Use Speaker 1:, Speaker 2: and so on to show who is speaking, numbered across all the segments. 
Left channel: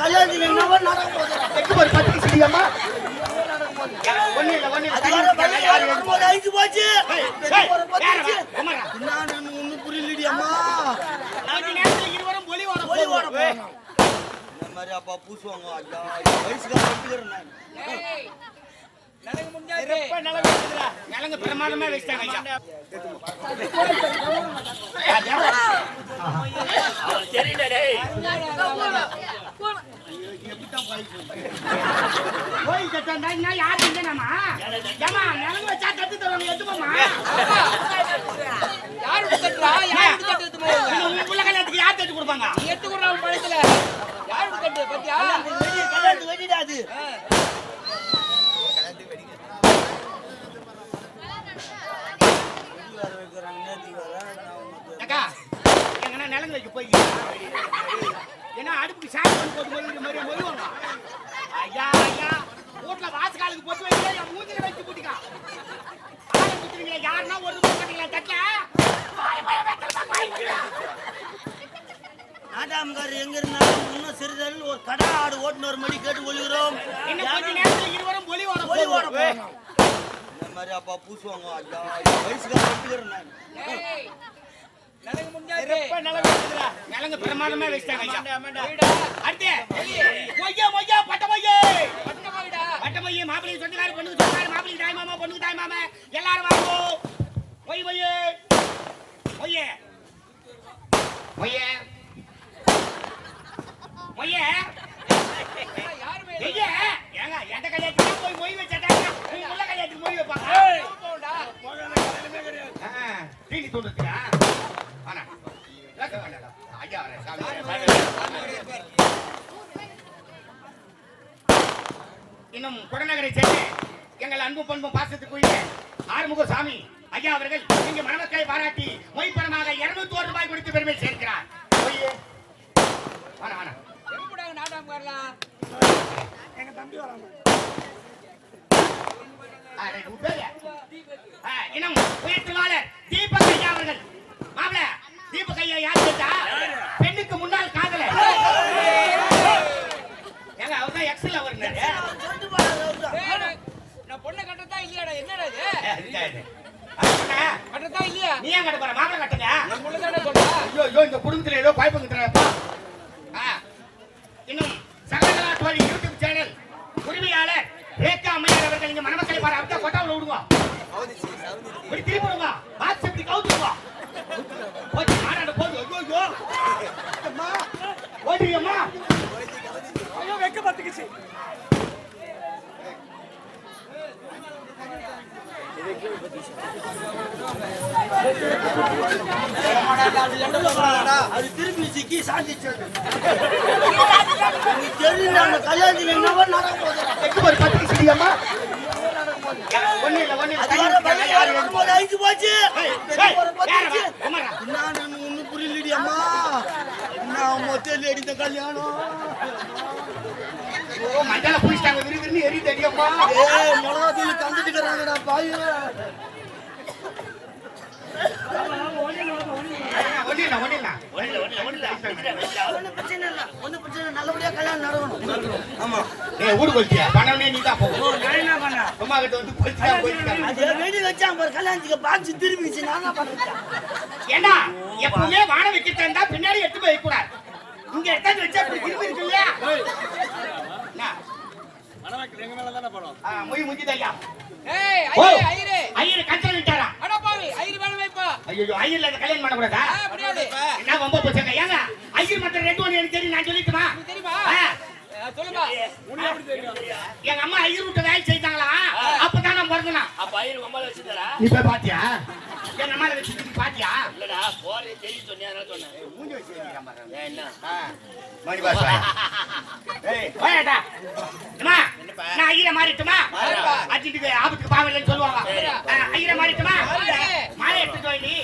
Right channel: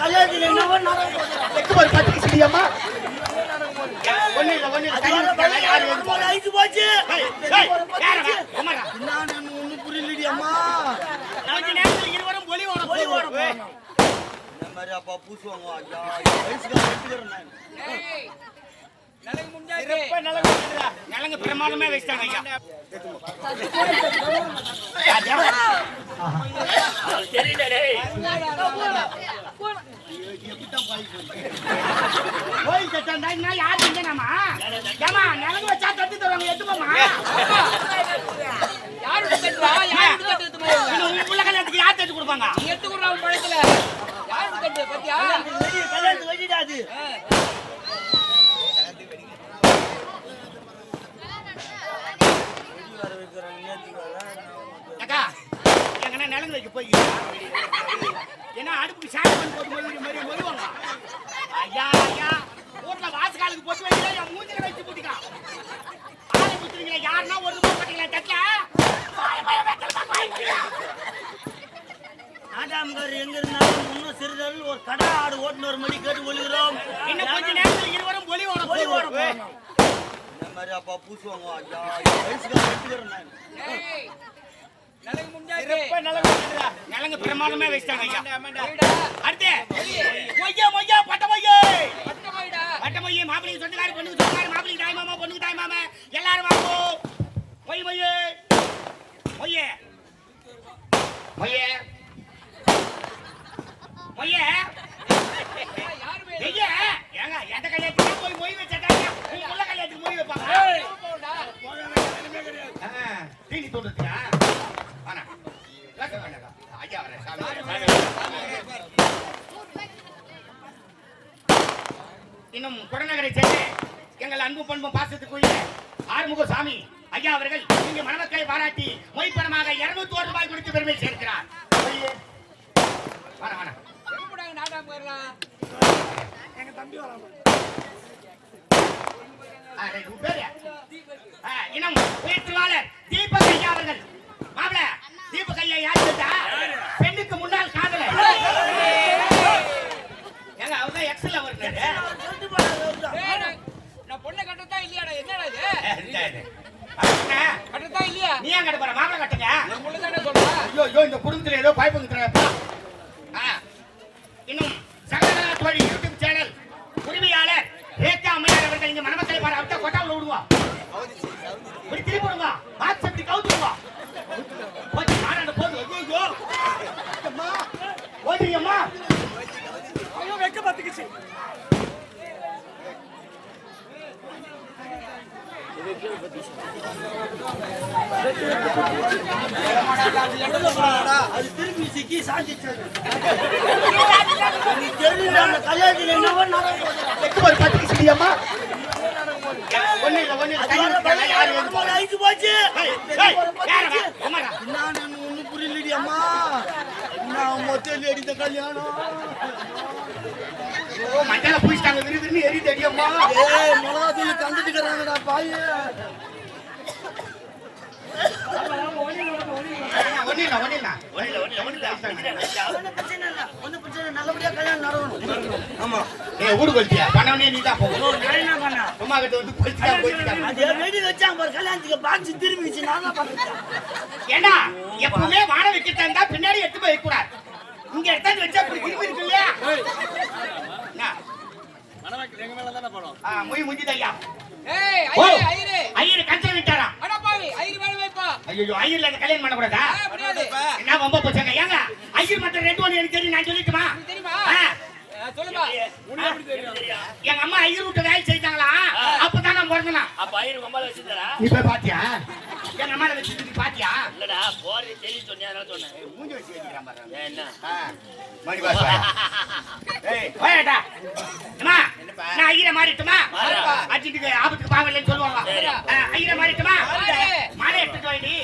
Speaker 1: கல்யாணத்துக்கு என்னவோ நடக்க போகுது.
Speaker 2: எக்கு ஒரு பத்து சிடியம்மா ஒண்ணு இல்ல ஒண்ணு இல்ல தண்ணி
Speaker 1: அதனால
Speaker 2: ஊத்திட்டாங்க, யாரு
Speaker 1: பையன்
Speaker 2: எழுந்து
Speaker 1: போல அழிச்சு போச்சு.
Speaker 2: ஏய்,
Speaker 1: பெரிய
Speaker 2: ஏய்,
Speaker 1: போற பத்துச்சு.
Speaker 2: யாரடா? அம்மாடா.
Speaker 1: என்னன்னு ஒண்ணும் புரியலடி அம்மா.
Speaker 2: கொஞ்ச நேரத்துல இருவரும் ஒளி ஓட
Speaker 1: போய் ஓட. போறோம். இந்த மாதிரி அப்பா பூசுவாங்க ஐயா, நான்.
Speaker 2: சிறப்பா. நிலங்க பிரமாதமா ஐயா. ராஜா. கோயில் கட்டா யாரு இல்லைனாமா? ஏம்மா, நிலங்க வச்சா தட்டு தருவாங்க, உன் புள்ள கல்யாணத்துக்கு யார் தட்டு கொடுப்பாங்க?
Speaker 3: எடுத்து கொடுறான் பழத்துல யாரு கட்டு பத்தியா
Speaker 1: கல்யாணத்துக்கு
Speaker 2: அக்கா, எங்கன்னா நிலங்க வைக்க போய் ஏன்னா அடுப்புக்கு சாணி பண்ணி போட்டு மொழிகிற மாதிரி மொழிவாங்க ஐயா ஐயா வீட்டுல வாசகாலுக்கு போட்டு வைக்கல என் மூஞ்சில வச்சு போட்டுக்கா. ஆளை யாருன்னா ஒரு ரூபாய் போட்டீங்களா தட்டல?
Speaker 1: நாட்டாமக்காரர் எங்க இருந்தாலும் சிறிதளவில் ஒரு கடை ஆடு ஓட்டுநர் மணி கேட்டு ஒழுகிறோம்
Speaker 2: இன்னும் கொஞ்ச நேரத்துல இருவரும் ஒளி ஓட.
Speaker 1: இந்த மாதிரி அப்பா பூசுவாங்க ஐயா, வயசுக்கார ஒத்துக்கிறேன் நான்.
Speaker 2: நிலங்க பிரமாதமா வச்சிட்டாங்க அடுத்து மொய்யா மொய்யா பட்ட மொய்யே
Speaker 3: பட்ட போயிடா
Speaker 2: பட்ட மொய்யே மாப்பிள்ளைக்கு சொந்தக்கார பொண்ணுக்கு சொந்தக்கார மாப்பிள்ளைக்கு தாய் மாமா பொண்ணுக்கு தாய் மாமா. எல்லாரும் வாங்கோ. மொய் மொய்யே மொய்யே மொய்யே. மொய்யே
Speaker 3: யாரு போய்
Speaker 2: ஐயா ஏங்க எந்த கையாச்சுனா போய் மொய் வச்சாட்டாங்க உங்க உள்ள கையாச்சுக்கு மொய் வைப்பாங்க
Speaker 3: போடா
Speaker 2: ஆ, தீனி தூண்டுறதுக்கா வாண்ணா. கேட்க வேண்டாம்டா. ஐயா வரேன், சாமி வரேன், சாமி வரேன். இன்னும் குடநகரை சேர்ந்து எங்கள் அன்பு பண்பு பாசத்துக்குரிய ஆறுமுக சாமி ஐயா அவர்கள் இங்கு மணமக்களை பாராட்டி மொய்ப்பணமாக இருநூத்தி ஒரு ரூபாய் கொடுத்து பெருமை சேர்க்கிறார் மொய். வாண்ணா, வாண்ணா.
Speaker 3: எங்கடாங்க நாட்டாம வரலாம்
Speaker 2: தீபக் ஐயா அவர்கள் மாப்பிள தீபக் ஐயா யார் கேட்டா பெண்ணுக்கு முன்னால் காதல ஏங்க அவர் தான் எக்ஸல் அவர்
Speaker 1: சொல்லிட்டு போடா, ரவுடா.
Speaker 3: ஏய், நான் பொண்ணை கட்டத்தா இல்லையாடா? என்னடா இது? கட்டத்தா இல்லையா?
Speaker 2: நீ ஏன் கட்ட போற? மாப்பிள கட்டுங்க.
Speaker 3: பொண்ணு தானே சொல்றா
Speaker 2: ஐயோ ஐயோ இந்த குடும்பத்துல ஏதோ பாய்ப்பு தரப்பா இன்னும் சகலகலா தோழி யூடியூப் சேனல் உரிமையாளர் ரேகா அம்மையார் அவர்கள் இங்க மணமக்களை பாரு அவர்தான் கொட்டாவில் விடுவா இப்படி திருப்பி விடுவா பாக்ஸ் இப்படி கவுத்துருவா. போச்சு நாடாண்ட போது. ஐயோ ஐயோ. அம்மா ஓடி அம்மா. ஐயோ வெக்க பத்துக்குச்சு ஒண்ணு
Speaker 1: புரியலடியம்மா நான் மொத்தம் அடித்த கல்யாணம்.
Speaker 2: ஓ மஞ்சள பூசிட்டாங்க விறுவிறுன்னு எரி தெரியுமா
Speaker 1: ஏய் மிளகா தூள் பாய்.
Speaker 2: வாழ வச்சுட்டு இருந்தா பின்னாடி எடுத்து போய் கூடாது இங்க எடுத்தாந்து வச்சா திரும்பி இருக்கு இல்லையா மொய்
Speaker 3: ஏய் ஐயரே ஐயரே.
Speaker 2: ஐயரு கஞ்சல் விட்டாரா?
Speaker 3: அட பாவி ஐயரு வேலை வைப்பா
Speaker 2: ஐயோ ஐயர்ல அந்த கல்யாணம் பண்ணக்கூடாதா
Speaker 3: ஆ, முடியாது.
Speaker 2: என்ன ரொம்ப போச்சாங்க? ஏங்க? ஐயர் மத்த ரெண்டு ஒண்ணு எனக்கு தெரியும் நான் சொல்லிட்டுமா
Speaker 3: உனக்கு தெரியுமா?
Speaker 2: ஆ.
Speaker 3: ஆ, சொல்லுப்பா
Speaker 2: எங்க அம்மா ஐயர் விட்டு வேலை செய்தாங்களா? அப்பதான் நான் பிறந்தனா
Speaker 4: அப்ப ஐயர் அம்மால வச்சிருந்தாரா
Speaker 2: நீ போய் பாத்தியா எங்க அம்மா வச்சு நீ பாத்தியா
Speaker 4: இல்லடா போறது தெளி சொன்னியா அதனால சொன்னேன்
Speaker 2: ஏய், மூஞ்சி வச்சு வைக்கிறான் பாரு
Speaker 4: ஏன் என்ன
Speaker 2: ஆ, மணி பாஸ் வா. ஏய், போயாட்டா. அம்மா,
Speaker 4: என்னப்பா?
Speaker 2: நான் ஐயரை மாறிட்டுமா?
Speaker 4: மாறுப்பா.
Speaker 2: அர்ஜென்ட்டுக்கு ஆபத்துக்கு பாவம் இல்லைன்னு சொல்லுவாங்க. ஐயரை மாறிட்டுமா?
Speaker 3: மாறு.
Speaker 2: மாலை எடுத்துட்டு வா நீ.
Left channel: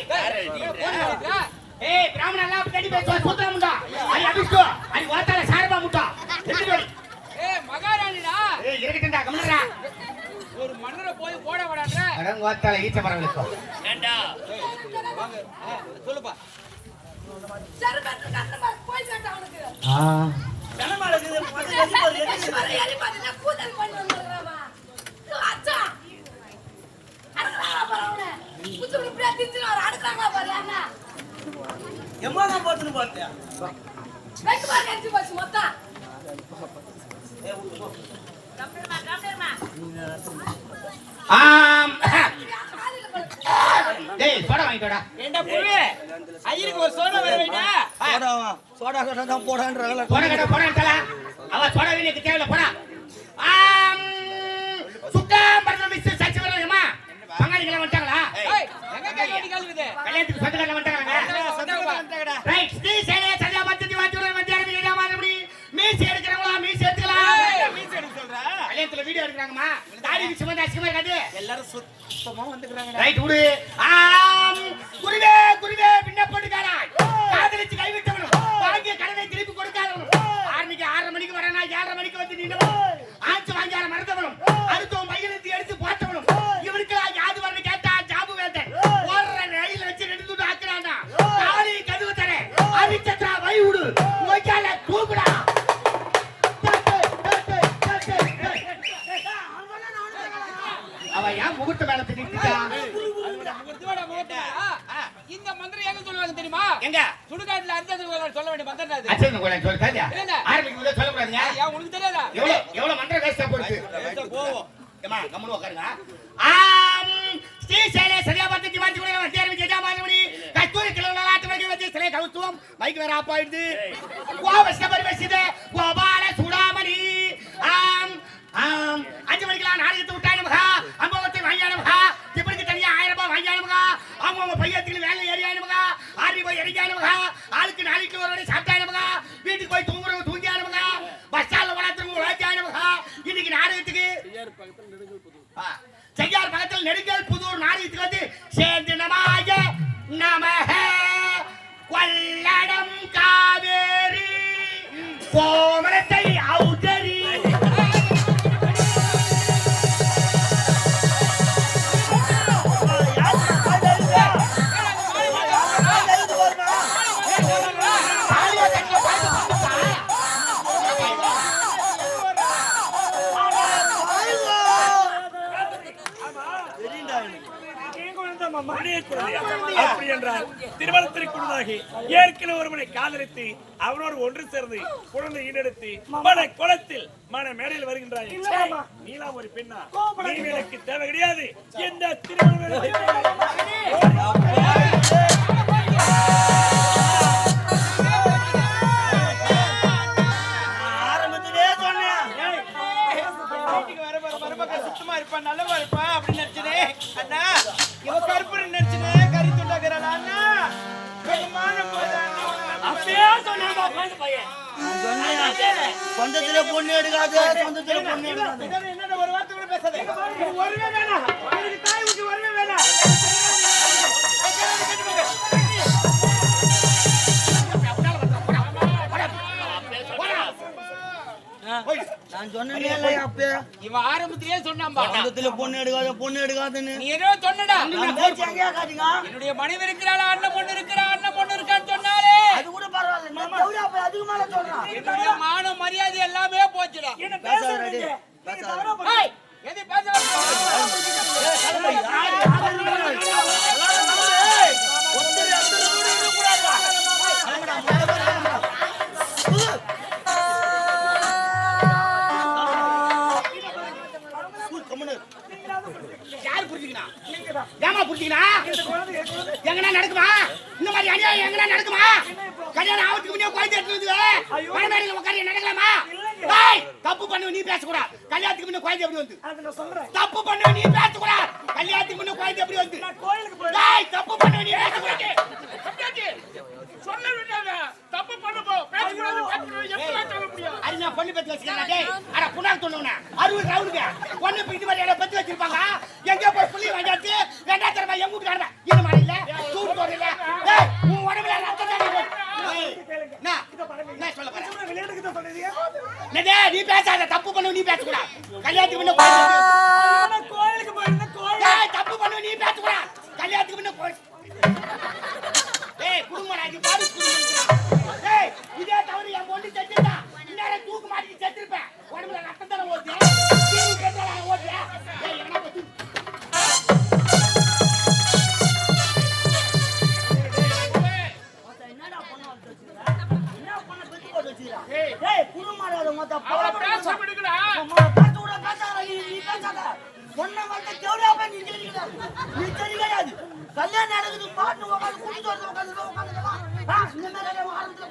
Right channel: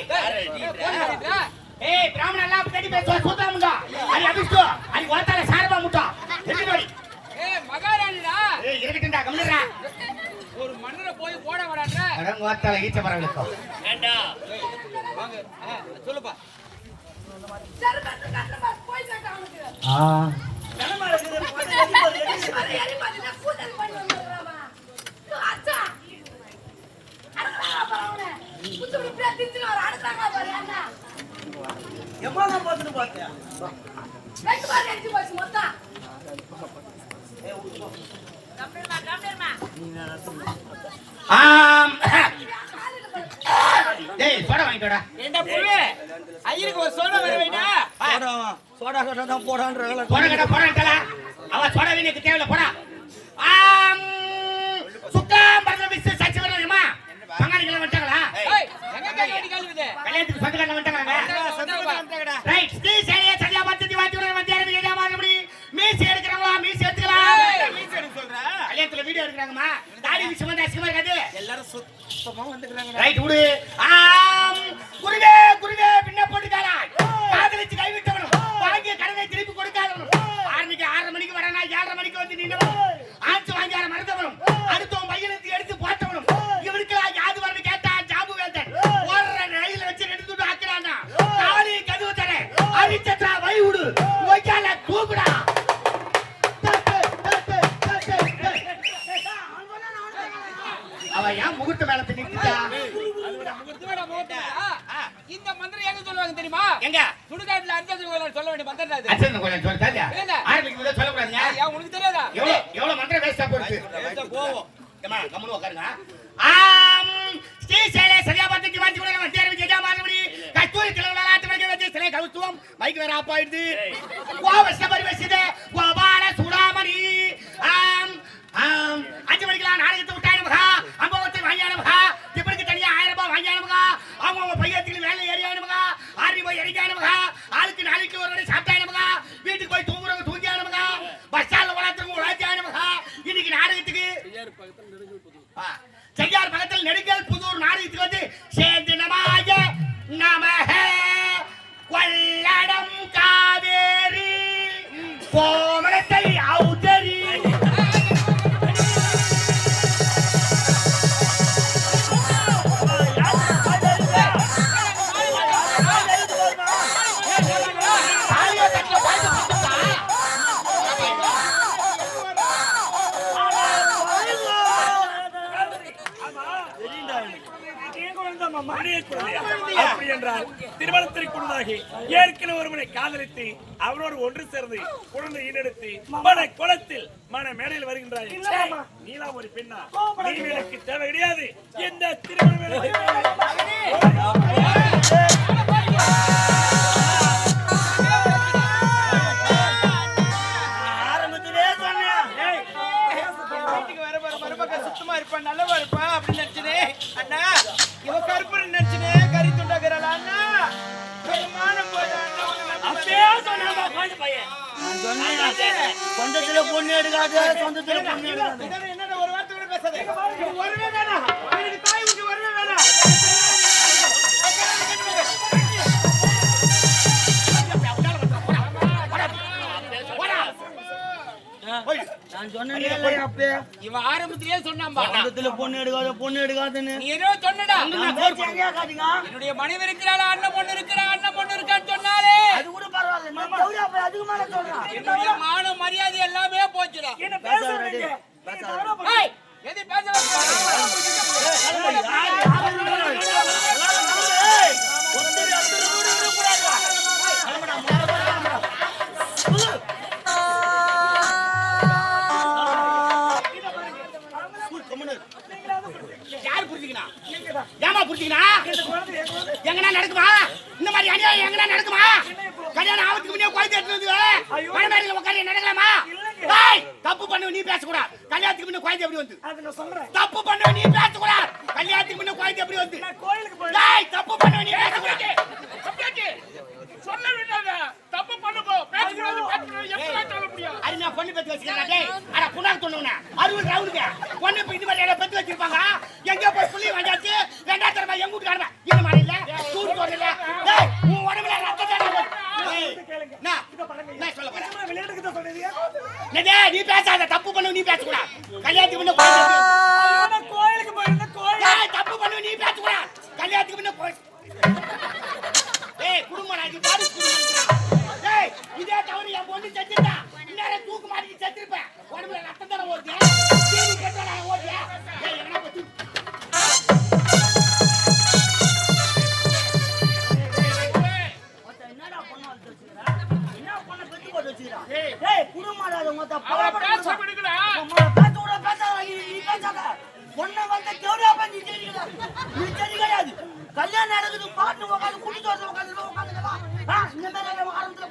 Speaker 3: ஏய்,
Speaker 2: பிராமணன் எல்லாம் அப்படி பேசுவா, சூத்திரம் முண்டா. அடி அபிஷ்டு, அடி ஓத்தால சாரபா முட்டா. எடுத்துட்டு வாடி. எதுக்குண்டா கம்முடா
Speaker 3: ஒரு மன்னரை போய் போட விடான்ற
Speaker 2: அடங்க
Speaker 4: வாத்தால
Speaker 3: வாங்க சொல்லுப்பா.
Speaker 2: ஆ.
Speaker 1: எவ்வளவு பார்த்துன்னு பார்த்தேன்
Speaker 2: டேய் சோடா வாங்கிட்டோடா
Speaker 3: ஏண்டா புல்லு ஐயருக்கு ஒரு சோடா வேற வைடா.
Speaker 1: சோடாவா சோடா சோடா தான் போடான்ற
Speaker 2: போன கடை போன கடல அவ சோடா வீணுக்கு தேவையில்ல போடா. ஆம். சுத்தம் பரத விசு சச்சி வரணுமா பங்காளிகள் வந்துட்டாங்களா?
Speaker 3: எங்க கேக்க வேண்டி கழுவுது
Speaker 2: கல்யாணத்துக்கு சொந்தக்காரங்க வந்துட்டாங்களா ரைட் ஸ்ரீ சேனைய சரியா பத்தி வாத்தி வர வந்து யாரும் ஏமா அப்படி மீஸ் வீடியோ எடுக்கறாங்கம்மா. தாடி விஷயம் அசிங்கமா இருக்காது
Speaker 3: எல்லாரும் சுத்தமா வந்துக்கறாங்க
Speaker 2: ரைட் விடு. ஆம். குருவே குருவே பின்ன போட்டுக்காரா காதலிச்சு கைவிட்டவனும் வாங்கிய கடனை திருப்பி கொடுக்காதவனும். ஆரம்பிக்கு ஆறரை மணிக்கு வரனா ஏழரை மணிக்கு வந்து நின்றவனும் ஆச்சு வாங்கியார மறந்தவனும். அடுத்தவன்
Speaker 3: சுடுகாட்டுல அஞ்சு சொல்ல வேண்டிய மந்திரம் அது.
Speaker 2: அச்சன் கோயில சொல்லு தாஜா
Speaker 3: இல்ல.
Speaker 2: ஆரம்பிக்கும் போதே சொல்லக்கூடாதுங்க
Speaker 3: ஏன் உனக்கு தெரியாதா?
Speaker 2: எவ்வளவு எவ்வளவு மந்திரம் வேஸ்டா போயிருக்கு போவோம். ஏமா கம்முனு உட்காருங்க ஆம் ஸ்ரீ சேலே சரியா பார்த்து வாஞ்சி கூட நம்ம தேர்வு ஜெஜா கஸ்தூரி ஆட்டு வரைக்கும் வச்சு சிலை கவுத்துவோம். மைக் வேற ஆப் ஆயிடுது. கோபால சூடாமணி. ஆம் ஆம் car, it's got
Speaker 5: அப்படி என்றால் திருமணத்திற்கு முன்னதாகி ஏற்கனவே ஒருவனை காதலித்து அவனோடு ஒன்று சேர்ந்து குழந்தை ஈடெடுத்து மன குளத்தில் மன மேடையில் வருகின்றாய். நீலாம் ஒரு பெண்ணா? நீ எனக்கு தேவை கிடையாது. எந்த திருமணம்
Speaker 3: சுத்தமா இருப்பா நல்லவா இருப்பா அப்படின்னு நினைச்சனே. அண்ணா இவ கருப்புன்னு நினைச்சனே கறி துண்டாக்குறாளா அண்ணா? வேகமான போது அண்ணா உன்னை
Speaker 5: பையன்.
Speaker 1: சொந்தத்திலே பொண்ணு எடுக்காது சொந்தத்திலே பொண்ணு எடுக்காது.
Speaker 3: என்னடா ஒரு வார்த்தை கூட பேசாதே.
Speaker 5: வரவே வேணாம் எனக்கு தாய் விட்டு வரவே வேணாம்
Speaker 1: நான் சொன்னேன் அப்பே
Speaker 3: இவ ஆரம்பத்திலேயே சொன்னாம்பா
Speaker 1: சொந்தத்திலே பொண்ணு எடுக்காது பொண்ணு எடுக்காதுன்னு.
Speaker 3: நீ ஏதோ சொன்னடா. என்னுடைய மனைவி இருக்கிறாளா அண்ணன் பொண்ணு இருக்கிறா அண்ணன் பொண்ணு இருக்கான்னு சொன்னாலே.
Speaker 1: அது கூட பரவாயில்ல. நான் கௌரி அப்ப அதுக்கு மேல சொல்றேன்.
Speaker 3: என்னுடைய மான மரியாதை எல்லாமே போச்சுடா.
Speaker 5: என்ன நீங்க?
Speaker 3: எது பேச
Speaker 2: எங்கனா நடக்குமா? கல்யாணம் ஆவத்துக்கு முன்னே குழந்தை எடுத்து குழந்தைகளை உட்காந்து நடக்கலாமா? தப்பு பண்ணுவ நீ பேசக்கூடாது கல்யாணத்துக்கு முன்ன குழந்தை எப்படி வந்து? தப்பு பண்ணுவ நீ பேசக்கூடாது கல்யாணத்துக்கு முன்ன குழந்தை எப்படி வந்து? தப்பு பண்ணுவ நீ பேசக்கூடாது
Speaker 5: சொல்ல தப்பு பண்ணுப்போ. பேசக்கூடாது சொல்ல
Speaker 2: நான் பொண்ணு பத்தி வச்சுக்கிறேன் டேய். அட புண்ணாக்கு சொன்னவன அறுபது ரவுண்டுங்க. பொண்ணு இப்ப இது மாதிரி பத்தி வச்சிருப்பாங்க. எங்க போய் புள்ளி வாங்காச்சு ரெண்டாயிரத்தி எங்க வீட்டுக்கு இந்த மாதிரி இல்ல டேய் உன் உடம்புல ரத்தம் தண்ணி போடு. ஏய், நான் நான் சொல்ல போறேன்
Speaker 5: விளையாட்டுக்கு தான் சொன்னீங்க
Speaker 2: என்னடே, நீ பேசாத தப்பு பண்ணு நீ பேசக்கூடாது கல்யாணத்துக்கு முன்ன
Speaker 5: கோயிலுக்கு போயிருந்தேன் கோயில்.
Speaker 1: கல்யாணம் நடக்குது பாட்டு உட்காந்து கூட்டிட்டு வந்து உட்காந்து உட்காந்து இந்த மாதிரி ஆரம்பத்துல